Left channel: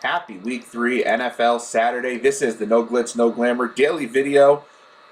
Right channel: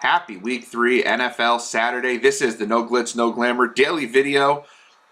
Happy Week 3 NFL Saturday. This is the No Glitz, No Glamour daily video.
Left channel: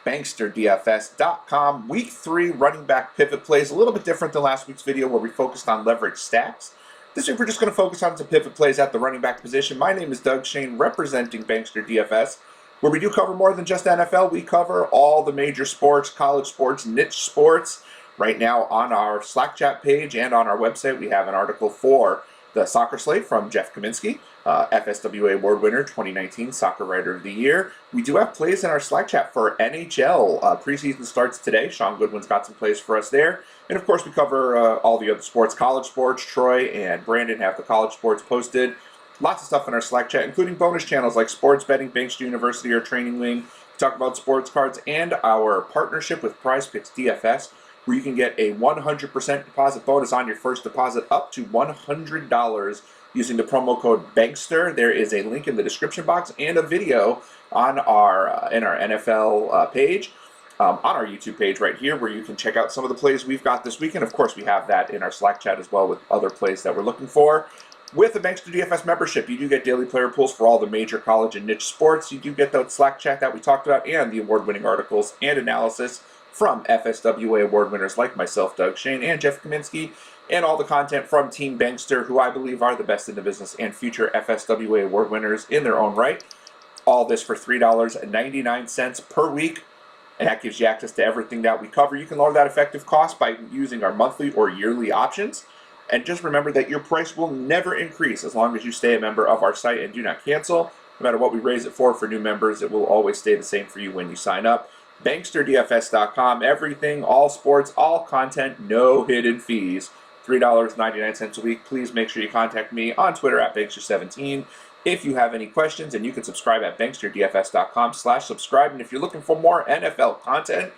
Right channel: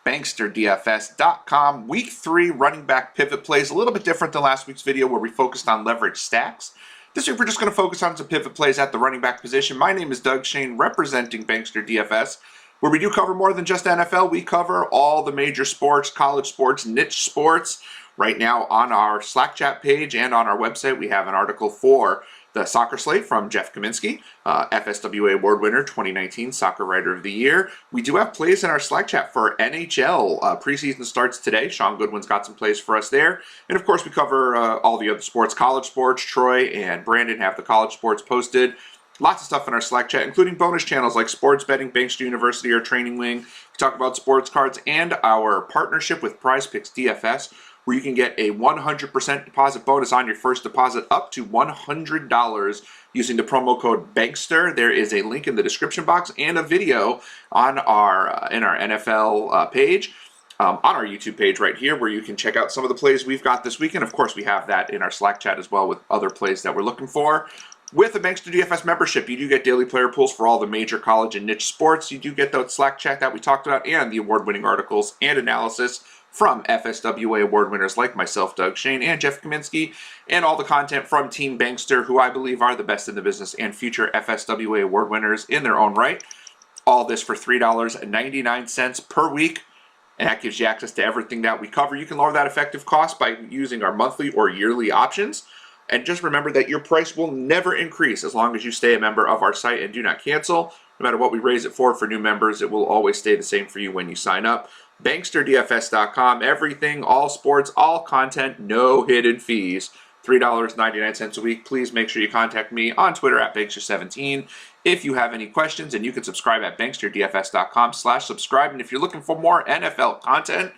BanksterDFS.com. Week 3 running back pivot plays. A little bit different than last week's video where we focused on leverage stacks. This week we're just going to focus on some pivot plays at the running back position. My name is Doug Shane, representing Bankster DFS, where we do cover more than just NFL. We cover all the major sports, college sports, niche sports. Right now on our Slack chat page and on our website, we have an article for the soccer slate from Jeff Kaminsky, FSWA award winner, 2019 Soccer Writer of the Year. We do have plays in our Slack chat for NHL. Preseason starts today. Sean Goodwin's got some plays for us there. And of course, we cover all the other sports, college sports. Troy and Brandon have the college sports posted. Lots of stuff in our Slack chat, including bonus channels like sports betting, Bankster University, or Training Wing. We talk about sports cards and our partnership with PrizePicks DFS, where you can get a 100% deposit bonus on your first deposit up to $100 using the promo code Bankster. There is a link in the description box and a video on our NFL page, on our YouTube page right here, where you can check out some of the plays we've got this weekend. Of course, we have that in our Slack chat as well with other plays that we're looking for. With a Bankster DFS membership, you do get daily player pools for all the major college and niche sports. You do get that Slack chat that we talked about and the award-winning articles and analysis from FSWA award winners like myself, Doug Shane, and Jeff Kaminsky, and all the content from Team Bankster, who I believe are the best in the business and future FSWA award winners in their own right. All this for $3.99 per week, and that gives you access to everything that we cover. You can lower that effective cost by using our monthly or yearly options. And just remember that your price will never increase as long as you stay a member of our site and do not cancel. No matter what we raise it for new members, it will always stay the same for you when you sign up. BanksterDFS.com, everything, all sports, all content, no hidden fees. $3.99 a week. Please make sure you contact me on Twitter at Bankster17 if you have any questions, and you can subscribe at BanksterDFS.com/subscribe. And if you're looking for more NFL content,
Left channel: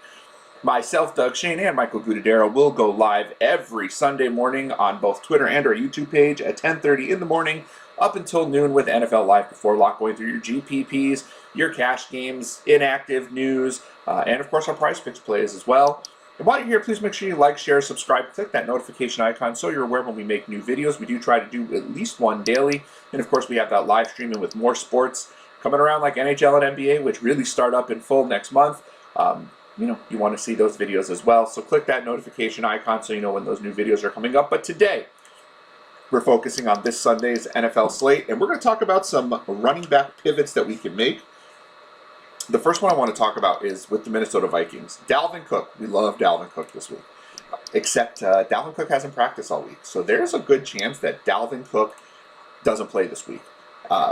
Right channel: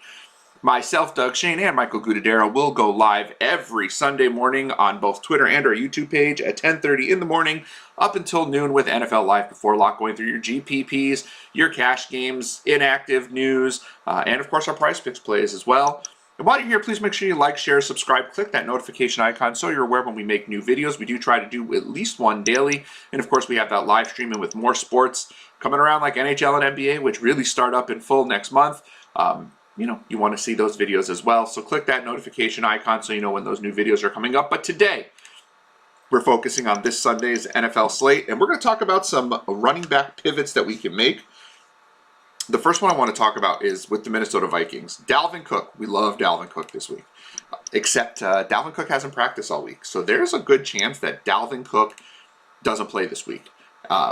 myself, Doug Shane, and Michael Gudadero will go live every Sunday morning on both Twitter and our YouTube page at 10:30 in the morning up until noon with NFL Live Before Lock, going through your GPPs, your cash games, inactive news, and of course our PrizePicks plays as well. And while you're here, please make sure you like, share, subscribe, click that notification icon so you're aware when we make new videos. We do try to do at least one daily. And of course, we have that live streaming with more sports coming around like NHL and NBA, which really start up in full next month. You want to see those videos as well. So click that notification icon so you know when those new videos are coming up. But today, we're focusing on this Sunday's NFL slate, and we're going to talk about some running back pivots that we can make. The first one I want to talk about is with the Minnesota Vikings. Dalvin Cook. We love Dalvin Cook this week. Except Dalvin Cook hasn't practiced all week. So there's a good chance that Dalvin Cook doesn't play this week,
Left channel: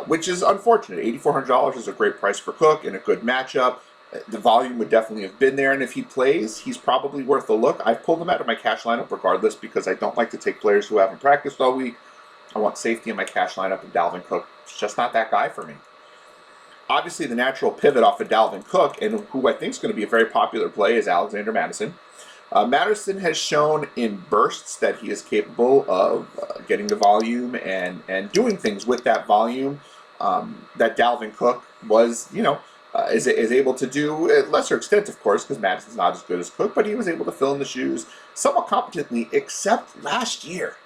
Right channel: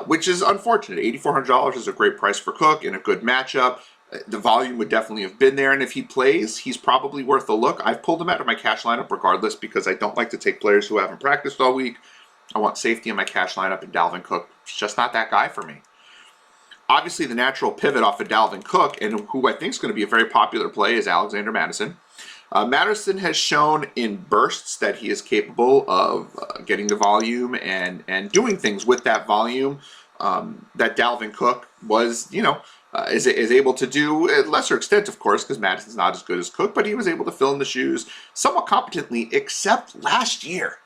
which is unfortunate. $8,400 is a great price for Cook in a good matchup. The volume would definitely have been there, and if he plays, he's probably worth a look. I've pulled him out of my cash lineup regardless because I don't like to take players who haven't practiced all week. I want safety in my cash lineup, and Dalvin Cook is just not that guy for me. Obviously, the natural pivot off of Dalvin Cook, and who I think is going to be a very popular play, is Alexander Mattison. Mattison has shown in bursts that he is capable of getting the volume and doing things with that volume that Dalvin Cook was, is able to do at lesser extent, of course, because Mattison's not as good as Cook, but he was able to fill in the shoes somewhat competently, except last year.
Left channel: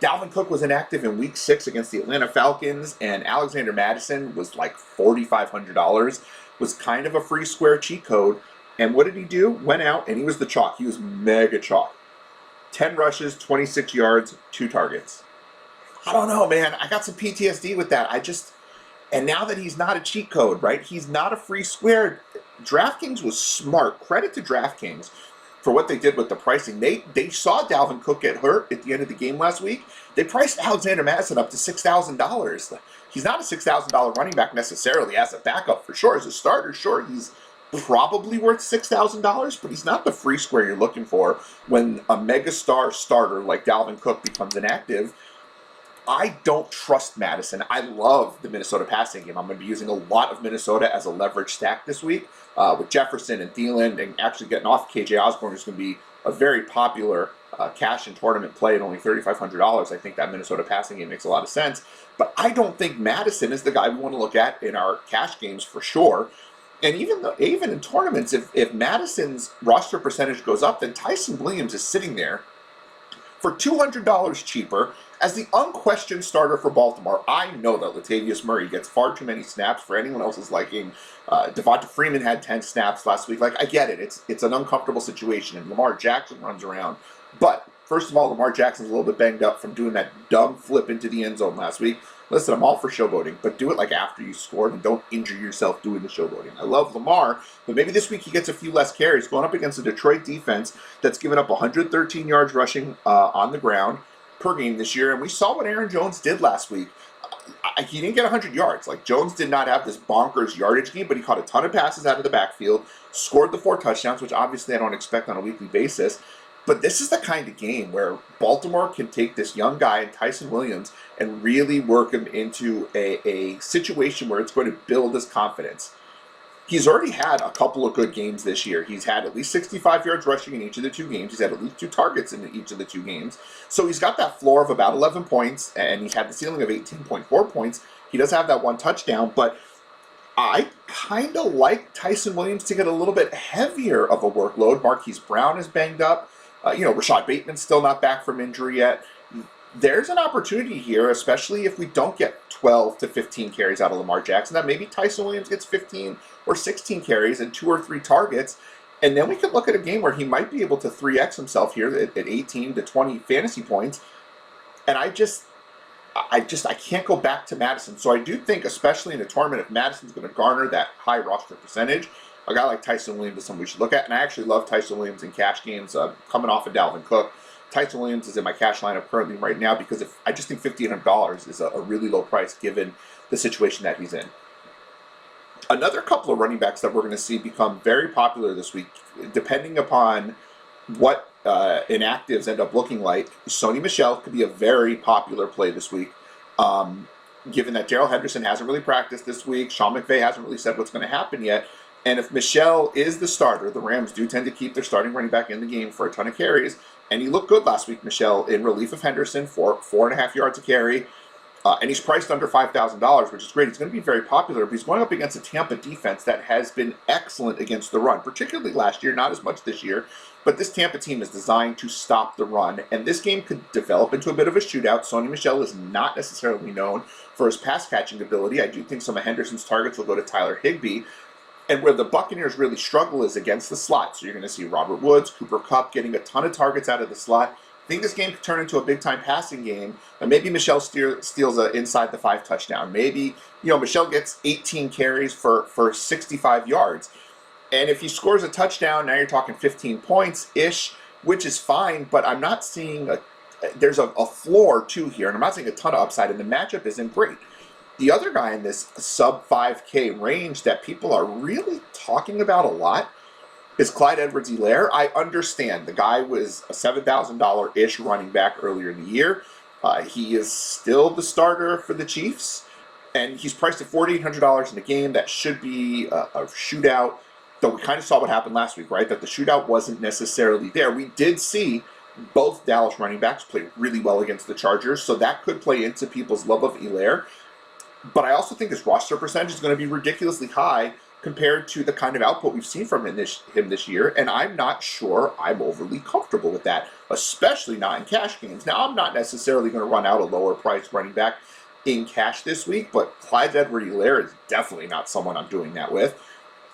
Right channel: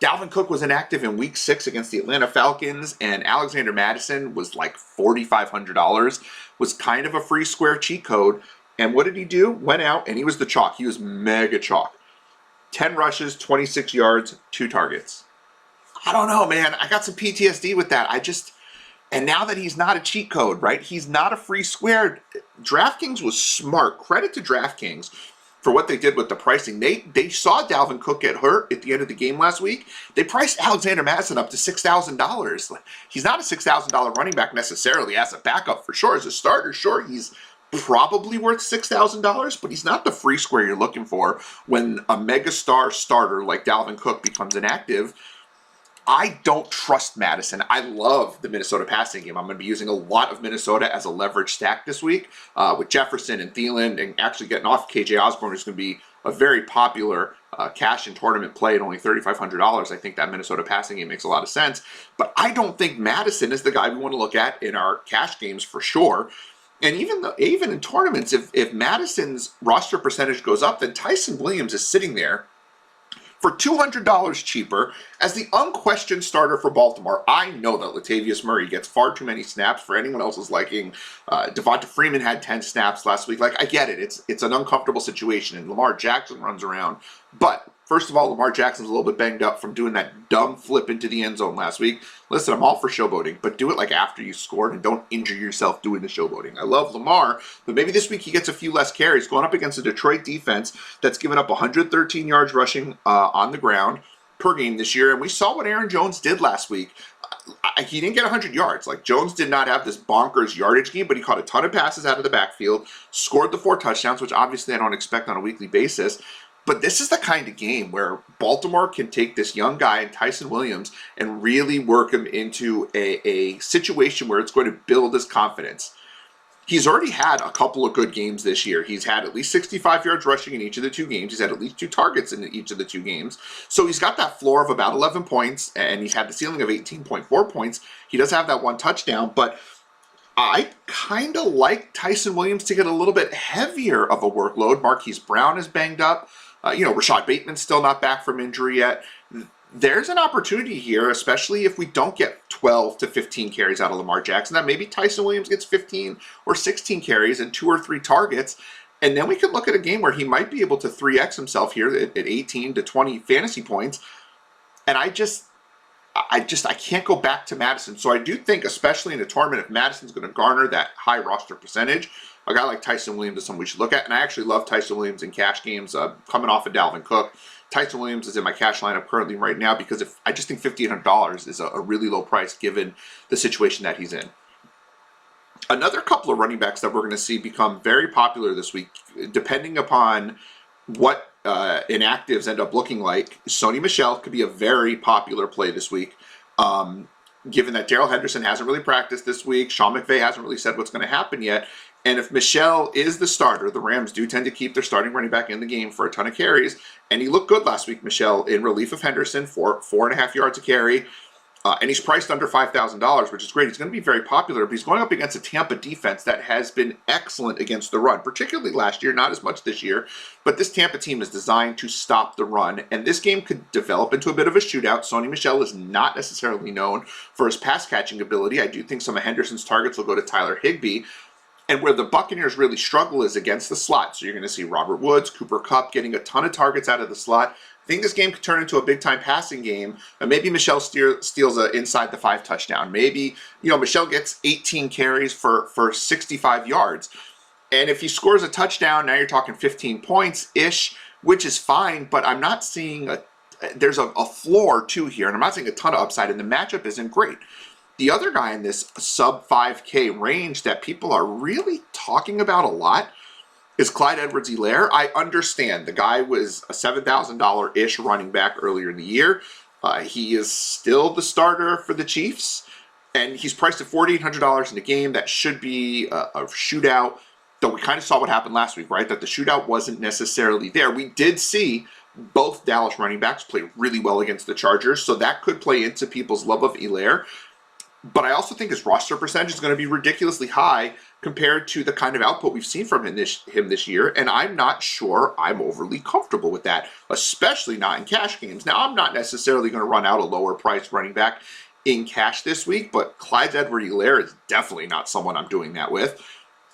Dalvin Cook was inactive in Week 6 against the Atlanta Falcons, and Alexander Mattison was like $4,500, was kind of a free square cheat code. And what did he do? Went out, and he was the chalk. He was mega chalk. 10 rushes, 26 yards, 2 targets. I don't know, man. I got some PTSD with that. And now that he's not a cheat code, right? He's not a free square. DraftKings was smart. Credit to DraftKings for what they did with the pricing. They saw Dalvin Cook get hurt at the end of the game last week. They priced Alexander Mattison up to $6,000. He's not a $6,000 running back necessarily as a backup for sure. As a starter, sure, he's probably worth $6,000, but he's not the free square you're looking for when a megastar starter like Dalvin Cook becomes inactive. I don't trust Mattison. I love the Minnesota passing game. I'm going to be using a lot of Minnesota as a leverage stack this week with Jefferson and Thielen, and actually getting off KJ Osborne, who's going to be a very popular cash and tournament play at only $3,500. I think that Minnesota passing game makes a lot of sense. But I don't think Mattison is the guy we want to look at in our cash games for sure. And even in tournaments, if Mattison's roster percentage goes up, then Tyson Williams is sitting there for $200 cheaper as the unquestioned starter for Baltimore. I know that Latavius Murray gets far too many snaps for anyone else's liking. Devonta Freeman had 10 snaps last week. Like, I get it. It's an uncomfortable situation, and Lamar Jackson runs around. But first of all, Lamar Jackson's a little bit banged up from doing that dumb flip into the end zone last week. Listen, I'm all for showboating, but do it like after you scored and don't injure yourself doing the showboating. I love Lamar, but maybe this week he gets a few less carries going up against a Detroit defense that's given up 113 yards rushing on the ground per game this year. And we saw what Aaron Jones did last week. He didn't get 100 yards. Like, Jones did not have this bonkers yardage game, but he caught a ton of passes out of the backfield, scored the 4 touchdowns, which obviously I don't expect on a weekly basis. But this is the kind of game where Baltimore can take this young guy, Tyson Williams, and really work him into a situation where it's going to build his confidence. He's already had a couple of good games this year. He's had at least 65 yards rushing in each of the 2 games. He's had at least 2 targets in each of the 2 games. So he's got that floor of about 11 points, and he's had the ceiling of 18.4 points. He does have that 1 touchdown, but I kind of like Tyson Williams to get a little bit heavier of a workload. Marquise Brown is banged up. Rashad Bateman's still not back from injury yet. There's an opportunity here, especially if we don't get 12 to 15 carries out of Lamar Jackson, that maybe Tyson Williams gets 15 or 16 carries and 2 or 3 targets. And then we could look at a game where he might be able to 3x himself here at 18 to 20 fantasy points. And I can't go back to Mattison. So I do think, especially in a tournament, if Mattison's going to garner that high roster percentage, a guy like Tyson Williams is someone we should look at. And I actually love Tyson Williams in cash games coming off of Dalvin Cook. Tyson Williams is in my cash lineup currently right now because I just think $1,500 is a really low price given the situation that he's in. Another couple of running backs that we're going to see become very popular this week, depending upon what inactives end up looking like. SONY MICHEL could be a very popular play this week. Given that Darrell Henderson hasn't really practiced this week, Sean McVay hasn't really said what's going to happen yet. And if MICHEL is the starter, the Rams do tend to keep their starting running back in the game for a ton of carries. And he looked good last week, MICHEL, in relief of Henderson for 4.5 yards a carry. And he's priced under $5,000, which is great. He's going to be very popular, but he's going up against a Tampa defense that has been excellent against the run, particularly last year, not as much this year. But this Tampa team is designed to stop the run, and this game could develop into a bit of a shootout. SONY MICHEL is not necessarily known for his pass-catching ability. I do think some of Henderson's targets will go to Tyler Higbee. And where the Buccaneers really struggle is against the slot. So you're going to see Robert Woods, Cooper Kupp getting a ton of targets out of the slot. I think this game could turn into a big-time passing game. And maybe MICHEL steals a inside the 5 touchdown. Maybe, MICHEL gets 18 carries for 65 yards. And if he scores a touchdown, now you're talking 15 points-ish, which is fine. But I'm not seeing there's a floor, too, here. And I'm not seeing a ton of upside. And the matchup isn't great. The other guy in this sub 5K range that people are really talking about a lot is Clyde Edwards-Helaire. I understand the guy was a $7,000-ish running back earlier in the year. He is still the starter for the Chiefs, and he's priced at $4,800 in the game. That should be a shootout, though we kind of saw what happened last week, right? That the shootout wasn't necessarily there. We did see both Dallas running backs play really well against the Chargers, so that could play into people's love of Helaire. But I also think his roster percentage is going to be ridiculously high compared to the kind of output we've seen from him this year, and I'm not sure I'm overly comfortable with that, especially not in cash games. Now, I'm not necessarily going to run out a lower-priced running back in cash this week, but Clyde Edwards-Helaire is definitely not someone I'm doing that with.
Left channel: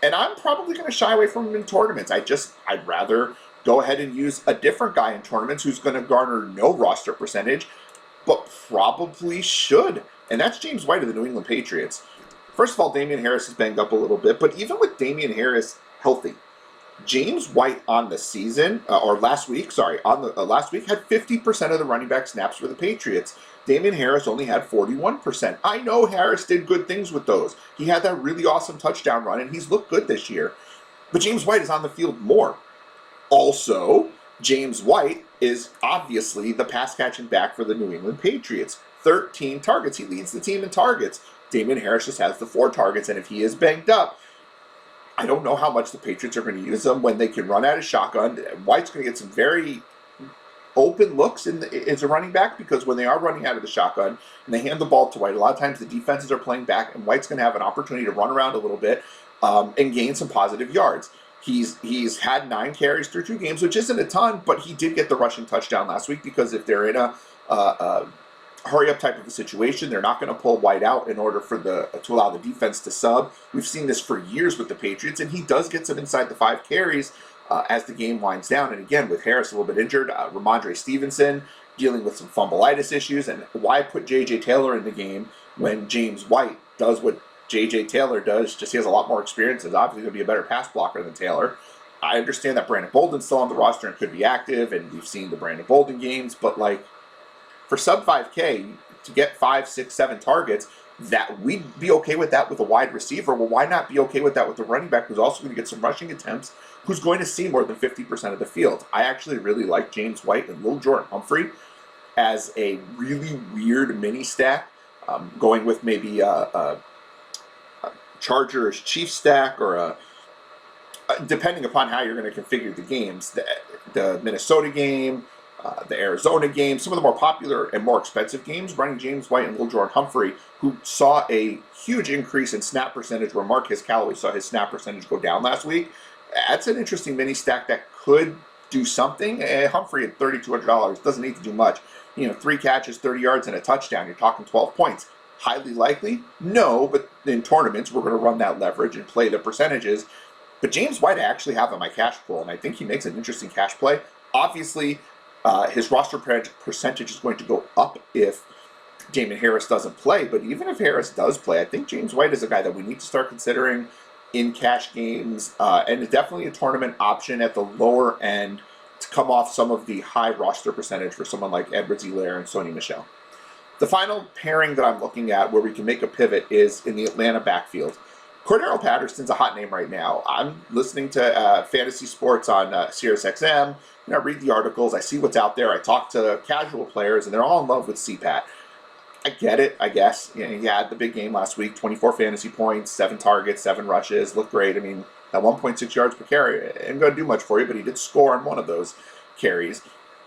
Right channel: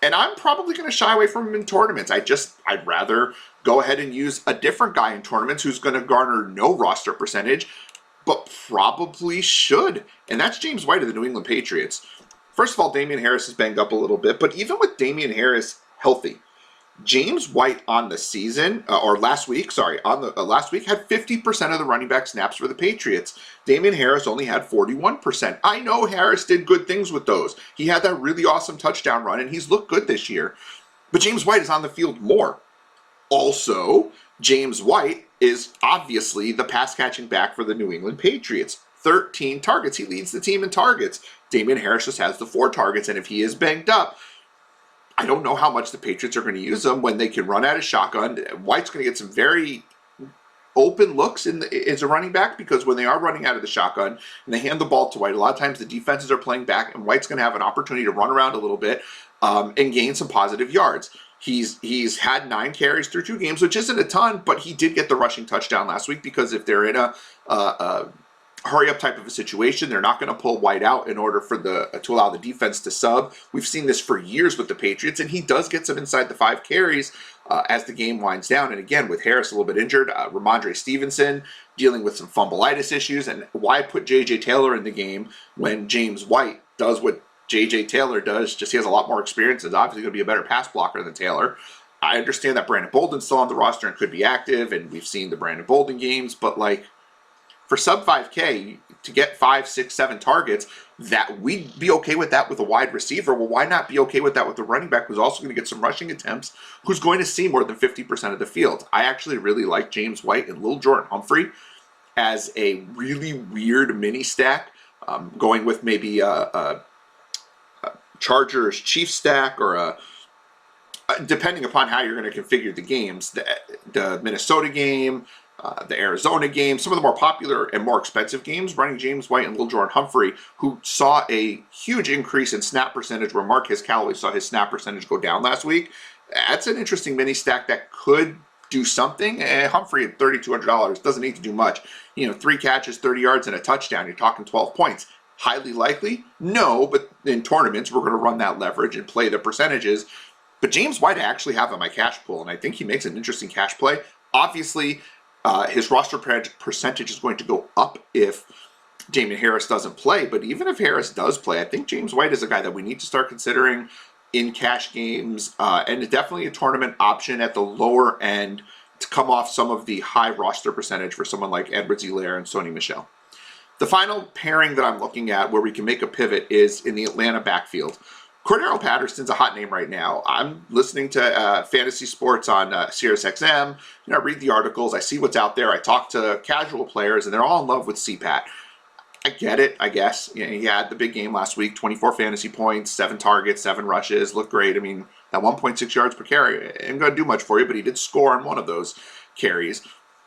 And I'm probably going to shy away from him in tournaments. I'd rather go ahead and use a different guy in tournaments who's going to garner no roster percentage, but probably should. And that's James White of the New England Patriots. First of all, Damian Harris is banged up a little bit, but even with Damian Harris healthy, James White on the season, last week had 50% of the running back snaps for the Patriots. Damian Harris only had 41%. I know Harris did good things with those. He had that really awesome touchdown run, and he's looked good this year. But James White is on the field more. Also, James White is obviously the pass-catching back for the New England Patriots. 13 targets. He leads the team in targets. Damian Harris just has the 4 targets, and if he is banged up, I don't know how much the Patriots are going to use him when they can run out of shotgun. White's going to get some very open looks as a running back, because when they are running out of the shotgun and they hand the ball to White, a lot of times the defenses are playing back, and White's going to have an opportunity to run around a little bit and gain some positive yards. He's had 9 carries through 2 games, which isn't a ton, but he did get the rushing touchdown last week because if they're in a hurry-up type of a situation, they're not going to pull White out in order for to allow the defense to sub. We've seen this for years with the Patriots, and he does get some inside the 5 carries as the game winds down. And again, with Harris a little bit injured, Ramondre Stevenson dealing with some fumbleitis issues, and why put J.J. Taylor in the game when James White does what J.J. Taylor does, just he has a lot more experience, is obviously going to be a better pass blocker than Taylor. I understand that Brandon Bolden's still on the roster and could be active, and we've seen the Brandon Bolden games, but like, for sub 5K, to get 5, 6, 7 targets, that we'd be okay with that with a wide receiver. Well, why not be okay with that with the running back who's also going to get some rushing attempts, who's going to see more than 50% of the field? I actually really like James White and Lil Jordan Humphrey as a really weird mini stack, going with maybe a Chargers Chiefs stack, or depending upon how you're going to configure the games, the Minnesota game, the Arizona game, some of the more popular and more expensive games, running James White and Lil Jordan Humphrey, who saw a huge increase in snap percentage where Marquez Callaway saw his snap percentage go down last week. That's an interesting mini stack that could do something. Humphrey at $3,200 doesn't need to do much. 3 catches, 30 yards, and a touchdown. You're talking 12 points. Highly likely? No, but in tournaments, we're going to run that leverage and play the percentages. But James White I actually have in my cash pool, and I think he makes an interesting cash play. Obviously, his roster percentage is going to go up if Damon Harris doesn't play. But even if Harris does play, I think James White is a guy that we need to start considering in cash games, and definitely a tournament option at the lower end to come off some of the high roster percentage for someone like EDWARDS-HELAIRE and SONY MICHEL. The final pairing that I'm looking at where we can make a pivot is in the Atlanta backfield. Cordero Patterson's a hot name right now. I'm listening to fantasy sports on SiriusXM. I read the articles. I see what's out there. I talk to casual players, and they're all in love with CPAT. I get it, I guess. He had the big game last week, 24 fantasy points, 7 targets, 7 rushes. Looked great. I mean, at 1.6 yards per carry, ain't going to do much for you, but he did score on one of those carries.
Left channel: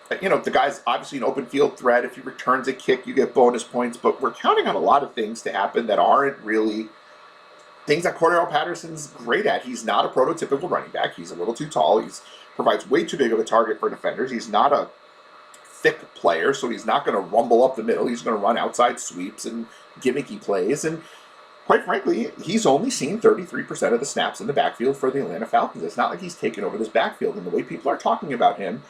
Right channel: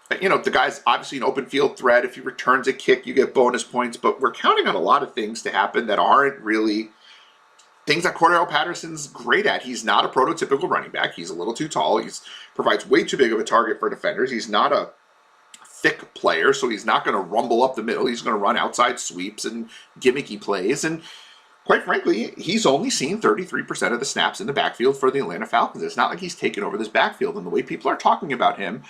The guy's obviously an open field threat. If he returns a kick, you get bonus points, but we're counting on a lot of things to happen that aren't really things that Cordero Patterson's great at. He's not a prototypical running back. He's a little too tall. He provides way too big of a target for defenders. He's not a thick player, so he's not going to rumble up the middle. He's going to run outside sweeps and gimmicky plays, and quite frankly, he's only seen 33% of the snaps in the backfield for the Atlanta Falcons. It's not like he's taken over this backfield, and the way people are talking about him,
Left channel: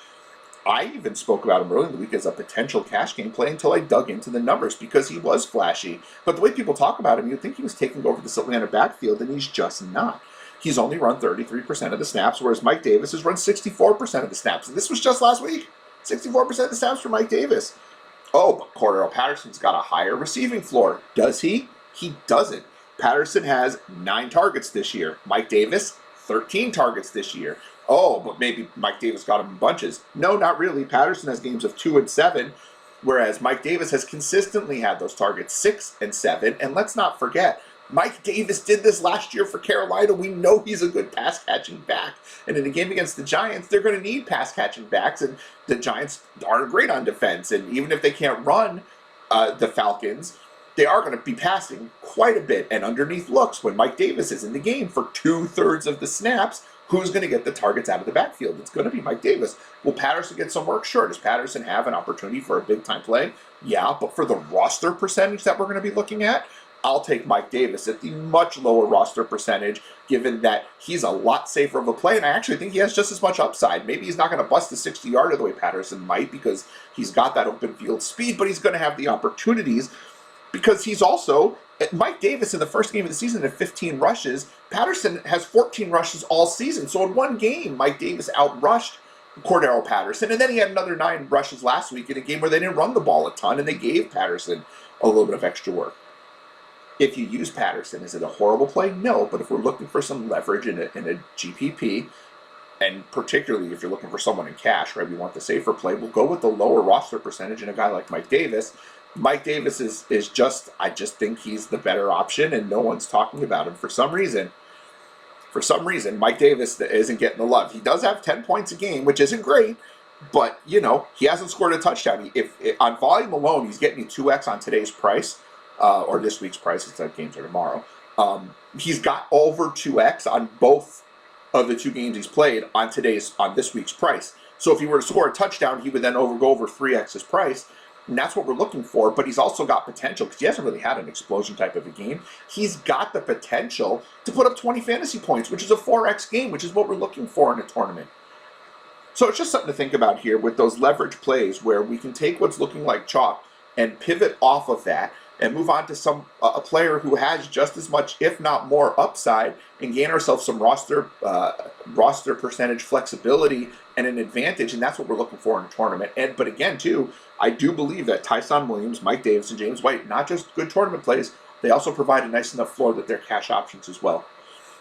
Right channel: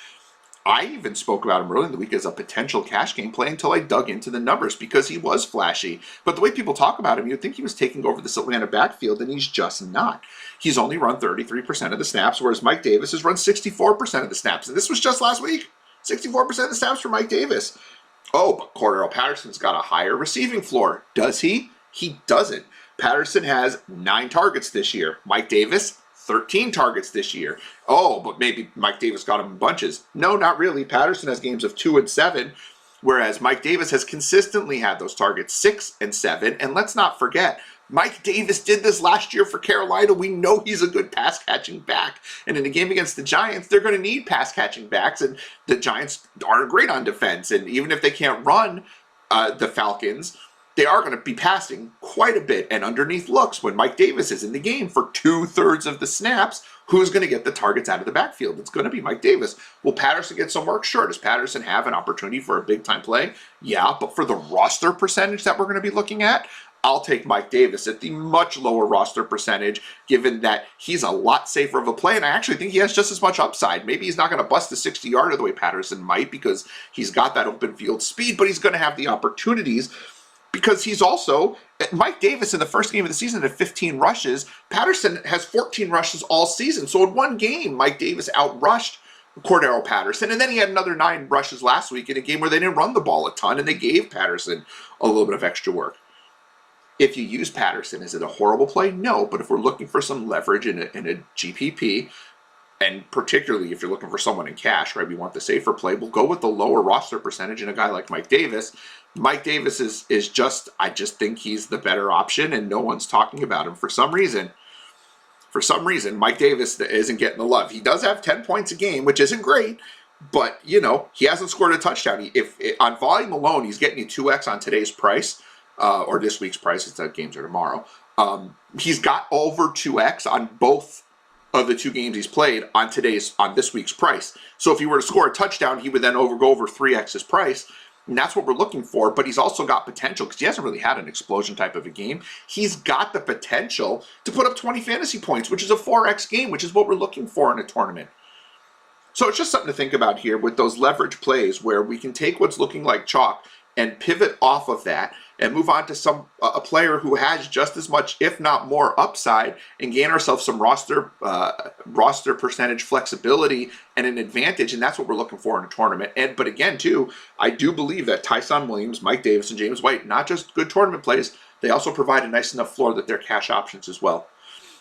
I even spoke about him early in the week as a potential cash game play until I dug into the numbers because he was flashy. But the way people talk about him, you'd think he was taking over this Atlanta backfield, and he's just not. He's only run 33% of the snaps, whereas Mike Davis has run 64% of the snaps. And this was just last week. 64% of the snaps for Mike Davis. Oh, but Cordero Patterson's got a higher receiving floor. Does he? He doesn't. Patterson has 9 targets this year. Mike Davis, 13 targets this year. Oh, but maybe Mike Davis got him in bunches. No, not really. Patterson has games of 2 and 7, whereas Mike Davis has consistently had those targets 6 and 7. And let's not forget, Mike Davis did this last year for Carolina. We know he's a good pass-catching back. And in a game against the Giants, they're going to need pass-catching backs, and the Giants are great on defense. And even if they can't run the Falcons, they are going to be passing quite a bit and underneath looks when Mike Davis is in the game for 2/3 of the snaps. Who's going to get the targets out of the backfield? It's going to be Mike Davis. Will Patterson get some work? Sure. Does Patterson have an opportunity for a big-time play? Yeah, but for the roster percentage that we're going to be looking at, I'll take Mike Davis at the much lower roster percentage, given that he's a lot safer of a play, and I actually think he has just as much upside. Maybe he's not going to bust the 60-yarder the way Patterson might because he's got that open field speed, but he's going to have the opportunities because he's also, Mike Davis in the first game of the season had 15 rushes. Patterson has 14 rushes all season. So in one game, Mike Davis outrushed Cordero Patterson, and then he had another 9 rushes last week in a game where they didn't run the ball a ton, and they gave Patterson a little bit of extra work. If you use Patterson, is it a horrible play? No, but if we're looking for some leverage in a GPP, and particularly if you're looking for someone in cash, right, we want the safer play, we'll go with the lower roster percentage in a guy like Mike Davis. Mike Davis is just, I just think he's the better option, and no one's talking about him for some reason. For some reason, Mike Davis isn't getting the love. He does have 10 points a game, which isn't great, but, he hasn't scored a touchdown. If on volume alone, he's getting you 2x on today's price, or this week's price, it's that games are tomorrow. He's got over 2x on both of the 2 games he's played on this week's price. So if he were to score a touchdown, he would then go over 3x his price. And that's what we're looking for, but he's also got potential because he hasn't really had an explosion type of a game. He's got the potential to put up 20 fantasy points, which is a 4x game, which is what we're looking for in a tournament. So it's just something to think about here with those leverage plays where we can take what's looking like chalk and pivot off of that and move on to a player who has just as much, if not more, upside and gain ourselves some roster percentage flexibility and an advantage, and that's what we're looking for in a tournament. But again, too, I do believe that Tyson Williams, Mike Davis, and James White, not just good tournament plays, they also provide a nice enough floor that they're cash options as well.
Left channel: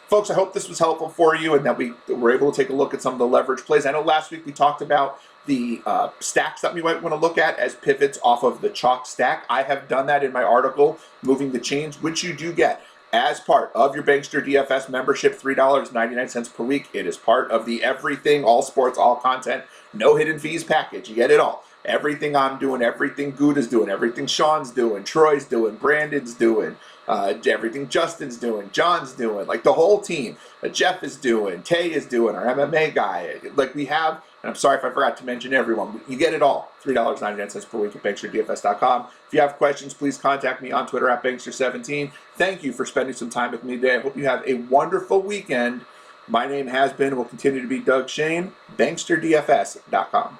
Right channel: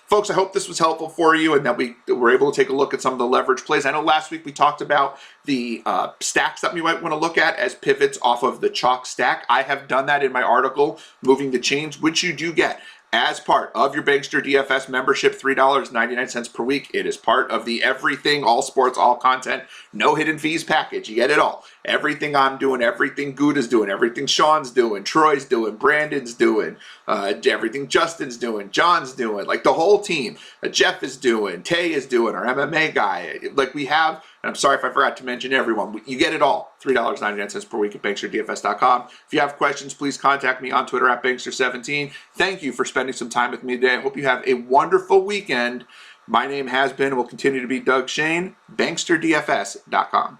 Folks, I hope this was helpful for you and that we were able to take a look at some of the leverage plays. I know last week we talked about the stacks that we might want to look at as pivots off of the chalk stack. I have done that in my article, Moving the Chains, which you do get as part of your Bankster DFS membership, $3.99 per week. It is part of the everything, all sports, all content, no hidden fees package. You get it all. Everything I'm doing, everything Gouda's doing, everything Sean's doing, Troy's doing, Brandon's doing, everything Justin's doing, John's doing, like the whole team. Jeff is doing, Tay is doing, our MMA guy. Like we have, and I'm sorry if I forgot to mention everyone, you get it all. $3.99 per week at banksterdfs.com. If you have questions, please contact me on Twitter at Bankster17. Thank you for spending some time with me today. I hope you have a wonderful weekend. My name has been and will continue to be Doug Shane, banksterdfs.com.